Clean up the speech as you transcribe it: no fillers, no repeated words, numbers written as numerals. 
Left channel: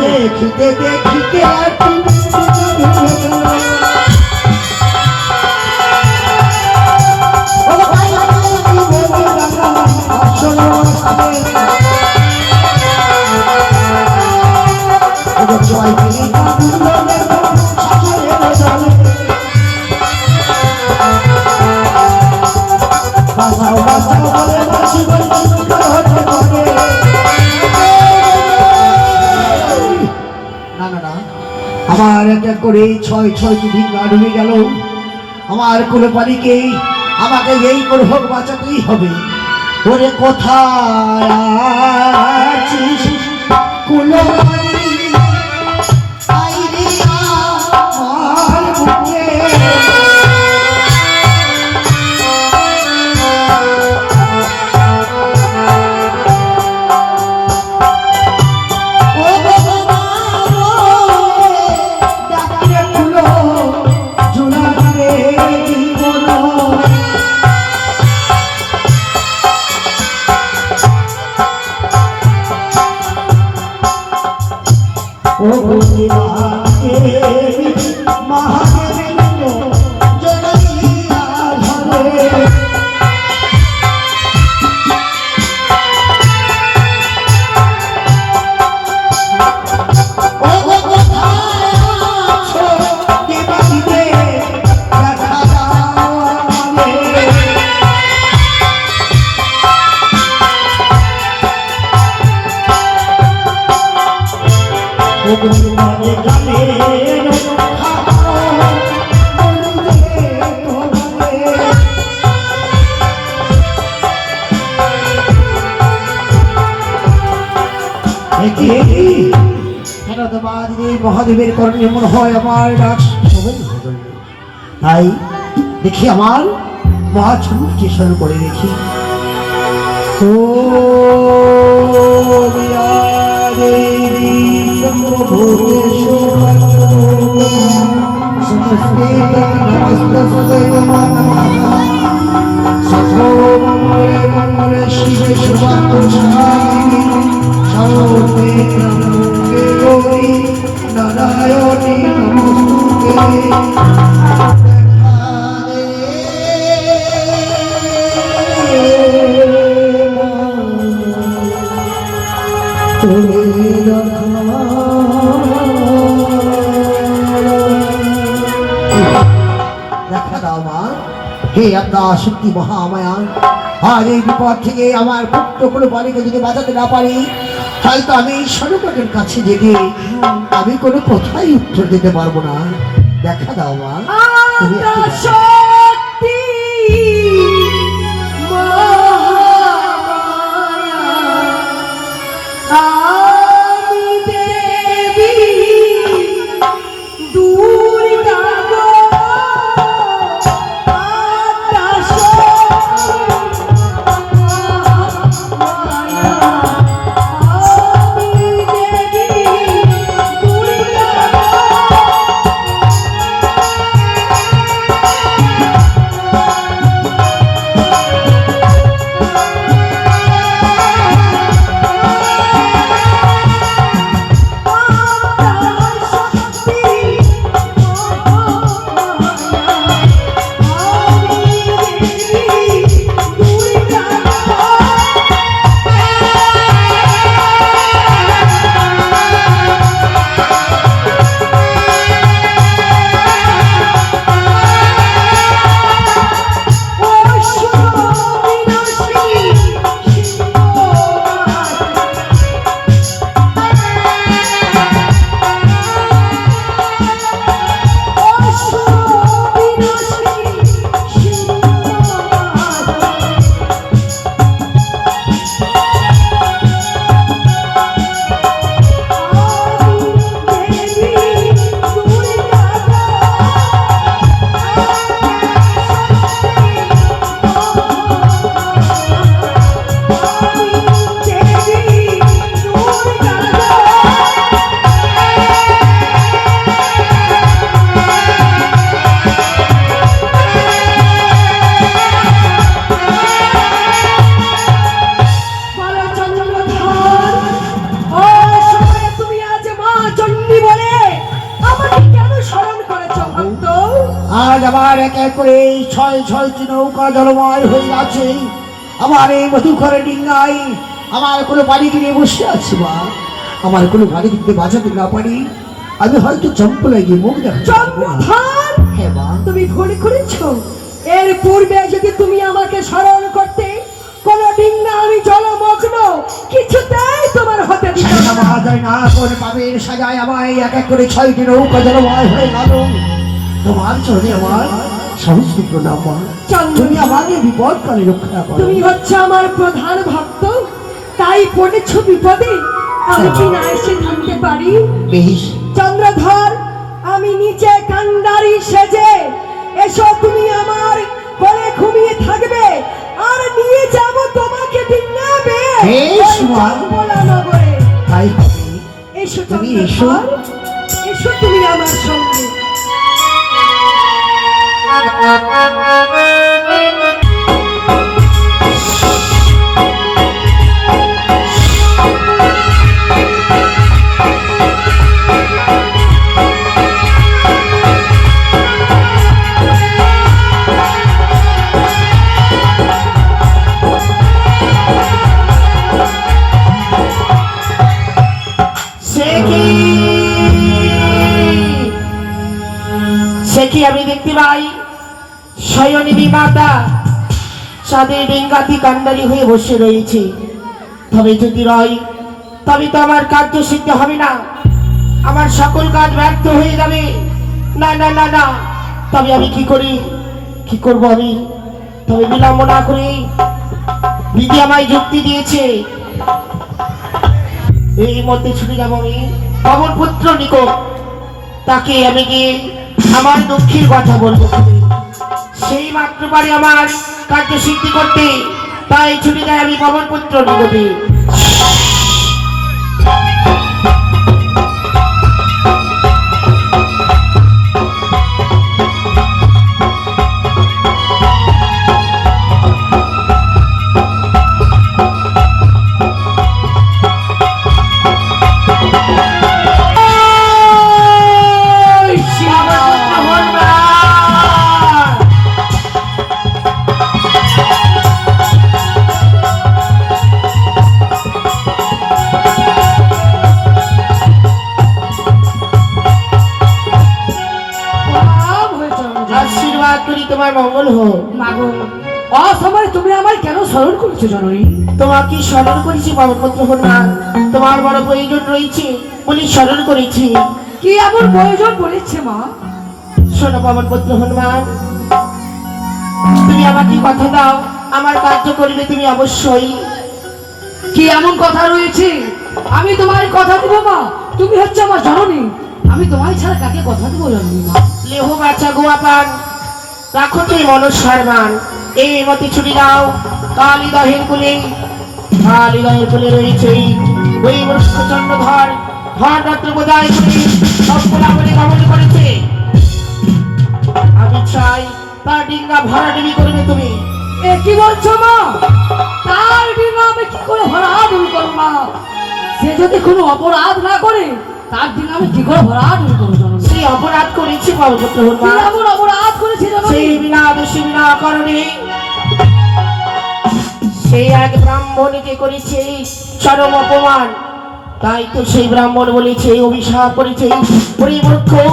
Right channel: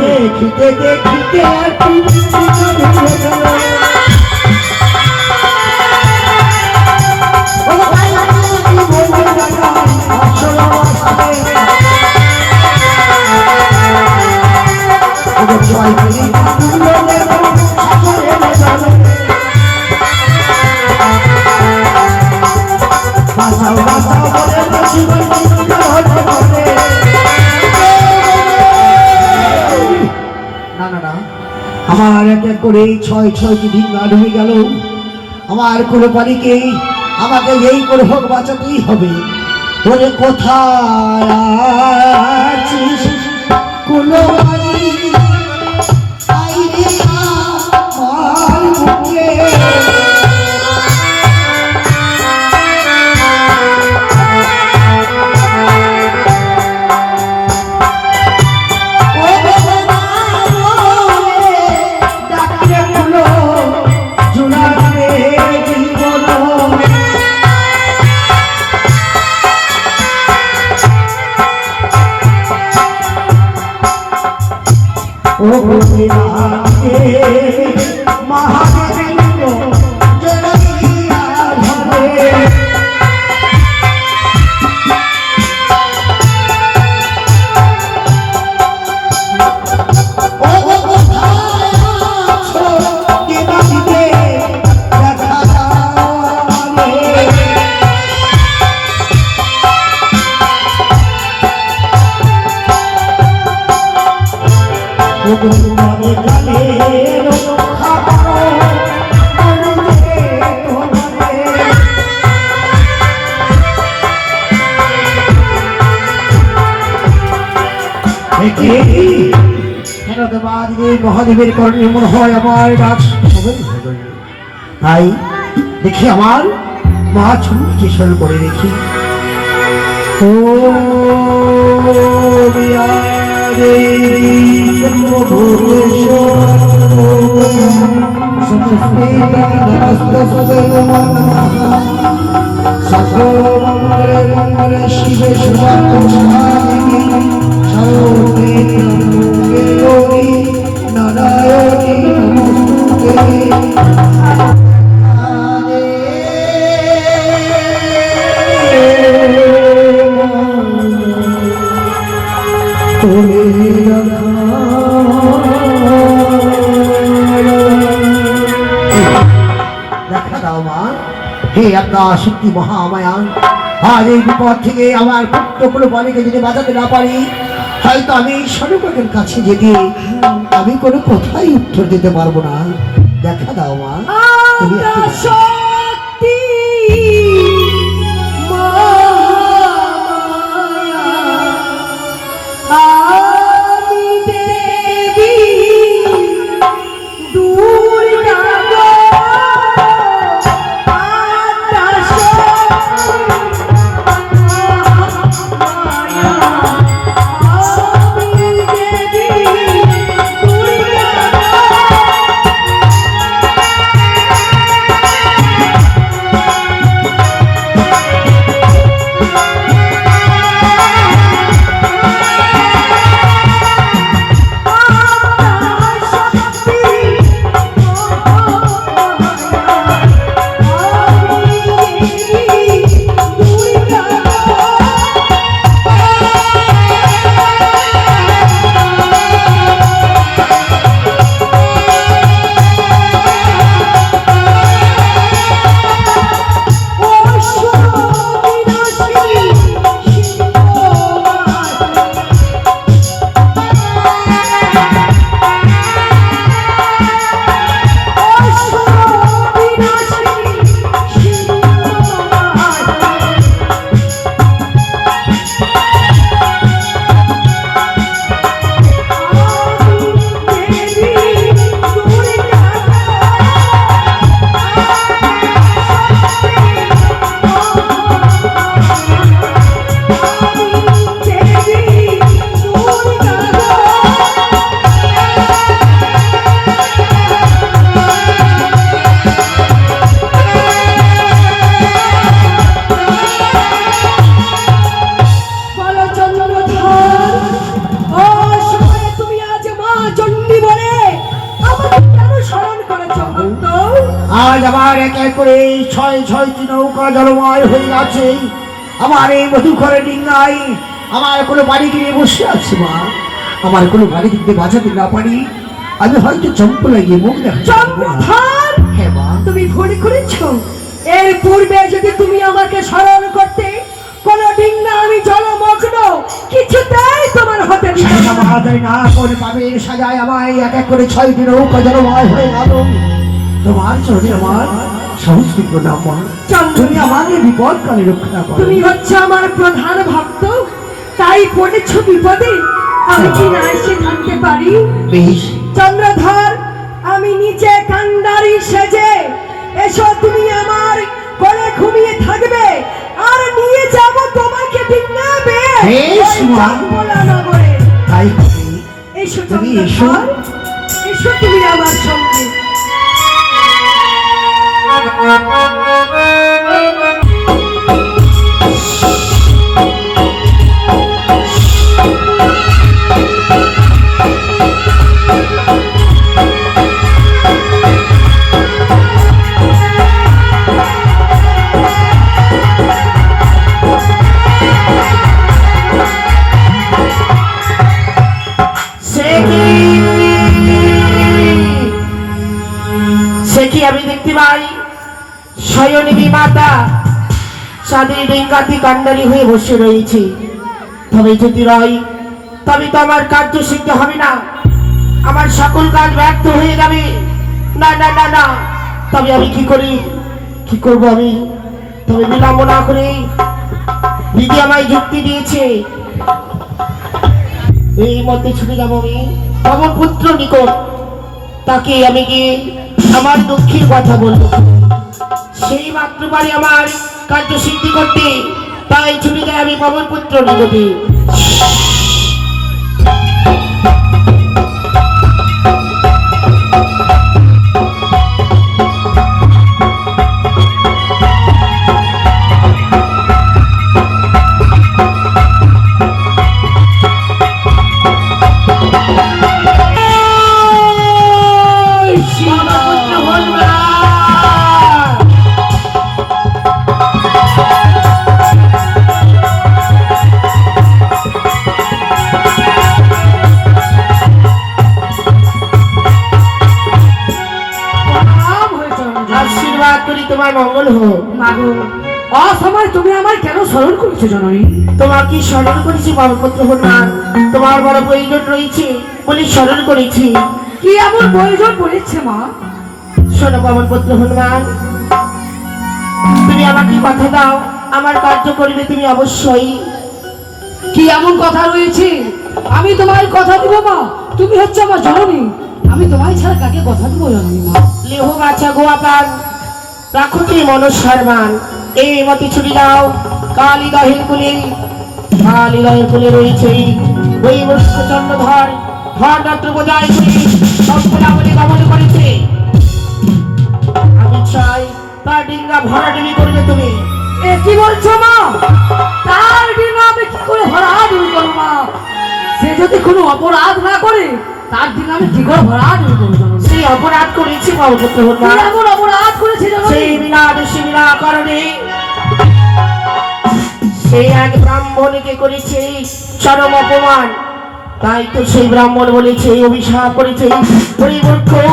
দেখিতে দেখিতে আমার এক এক করে 6-6টি দিন ডুবে গেল। আমার কোনো পানিকে আমাকে এই করে হোক বাঁচাতেই হবে। ওরে কোথায় আছিস কোনো পানি আইরে আমার বুকে মহাদেবের কারণে মনে হয় আমার ডাক তাই দেখি আমার মা ছুটকে স্মরণ করে দেখি। ও শিবে নারায়ণী হে আপনার শক্তি মহামায়ান, আজ এই বিপদ থেকে আমার পুত্র কোনো বালিকে যদি বাঁচাতে না পারি, হয়তো আমি সর্বকের কাছে জেগে আমি কোনো কথাই উত্তর দিতে পারবো না। দেখা দাও মা, তুমি এক করে ছয় ছয়টি নৌকা জলময় হয়ে আছে। আমার এই মধুকরে ডিঙ্গাই আমার কোনো বাড়ি গিয়ে বসে আছে মা। আমার কোনো বাড়ি কিন্তু বাঁচাতে না পারি, আমি হয়তো চম্পু লাগিয়ে মুখ চম্পধার, হ্যাঁ মা। তুমি ভুল করেছো। এর পূর্বে যদি তুমি আমাকে স্মরণ করতে, কোন ডিঙ্গা আমি জলমগ্ন কিছুতেই তোমার হতে দিতে না। সাজায় না কোন কাবের সাজায় আমায় এক এক করে ছয়টি নৌকা জলময় হয়ে গেল। তোমার চলে আমার সমস্ত প্রণাম মা। তুমি আমাকে বিপদ কালে রক্ষা করো। তুমি হচ্ছে আমার প্রধান ভক্ত, তাই পড়েছো বিপদে, আমি কি না এসে থাকতে পারি? বেশ চন্দ্রধর, আমি নিচে কান্ডারি সেজে এসো, তুমি আমার কোলে ঘুমিয়ে থাকবে আর নিয়ে যাব তোমাকে ডিঙ্গাবে। বেশ মা। নগরে তাই হবে। এসো তুমি এসো। চন্দ্রধর, এসো তুমি আমার সঙ্গে। সে কি আমি দেখতে পাই শয়নী মাতা চাঁদের ডিঙ্গাতি কান্ডারি হয়ে বসে রয়েছে। তবে যদি রয়, তবে তো আমার কার্য সিদ্ধ হবে না, আমার সকল কাজ ব্যর্থ হয়ে যাবে। না না না না, তবে আমি কি করি, কি করব আমি? তবে বিলম্ব না করে দিদি আমায় যুক্তি দিয়েছে, এই মধ্যে ছুটে যাবো আমি পবন পুত্র নিকট। তাকে আমি গিয়ে আমার দুঃখের কথা বলবো, সেই মাত্র পারে আমার কার্য সিদ্ধি করতে। তাই ছুটে যায় আমি পবন পুত্র নিকটে। মঙ্গল হোক। মাগো, অসময় তুমি আমায় কেন স্মরণ করছো জননী? তোমাকে স্মরণ করেছি পবনপুত্র হনুমান, তোমার বড় প্রয়োজন রয়েছে বলে স্মরণ করেছি। কি এমন প্রয়োজন পড়েছে মা? শোনো পবনপুত্র হনুমান, তুমি আমাকে কথা দাও, আমার কার্য করবে তুমি অবশ্যই। কি এমন কথা রয়েছে? আমি তোমার কথা দিব মা, তুমি হচ্ছে আমার জননী, আমি তোমায় ছাড়া কাকে কথা দিব জননী মা? লেহ বাছা গোয়া পান, রাখো তুই মনস্বার মান। এই মতে ছুটি দাও কালিদহের কুলে, কালিদহের কুলে রয়েছে ওই মস্ত চন্দ্রধর, ধর রাত্র বোঝায় করে সবগুলাবলী গমন করেছে। আমি চাই তার ডিঙ্গা ভরাডুবি করবে তুমি। এ কি বলছো মা? তার ডিঙ্গা আমি কি করে ভরাডুবি করব মা? সে যদি কোনো অপরাধ না করে, তার ডিঙ্গা আমি কি করে ভরাডুবি করব জননী? সেই অপরাধ করেছে পবনপুত্র কি হনুমান, এমন অপরাধ করেছে জননী? সেই বিনা দোষী বিনা কারণে সেই এক ব্রাহ্মণকে করেছে চরম অপমান। তাই তো সেই ব্রাহ্মণ বলেছে, অভিশাপ করেছে, পরিবর্তন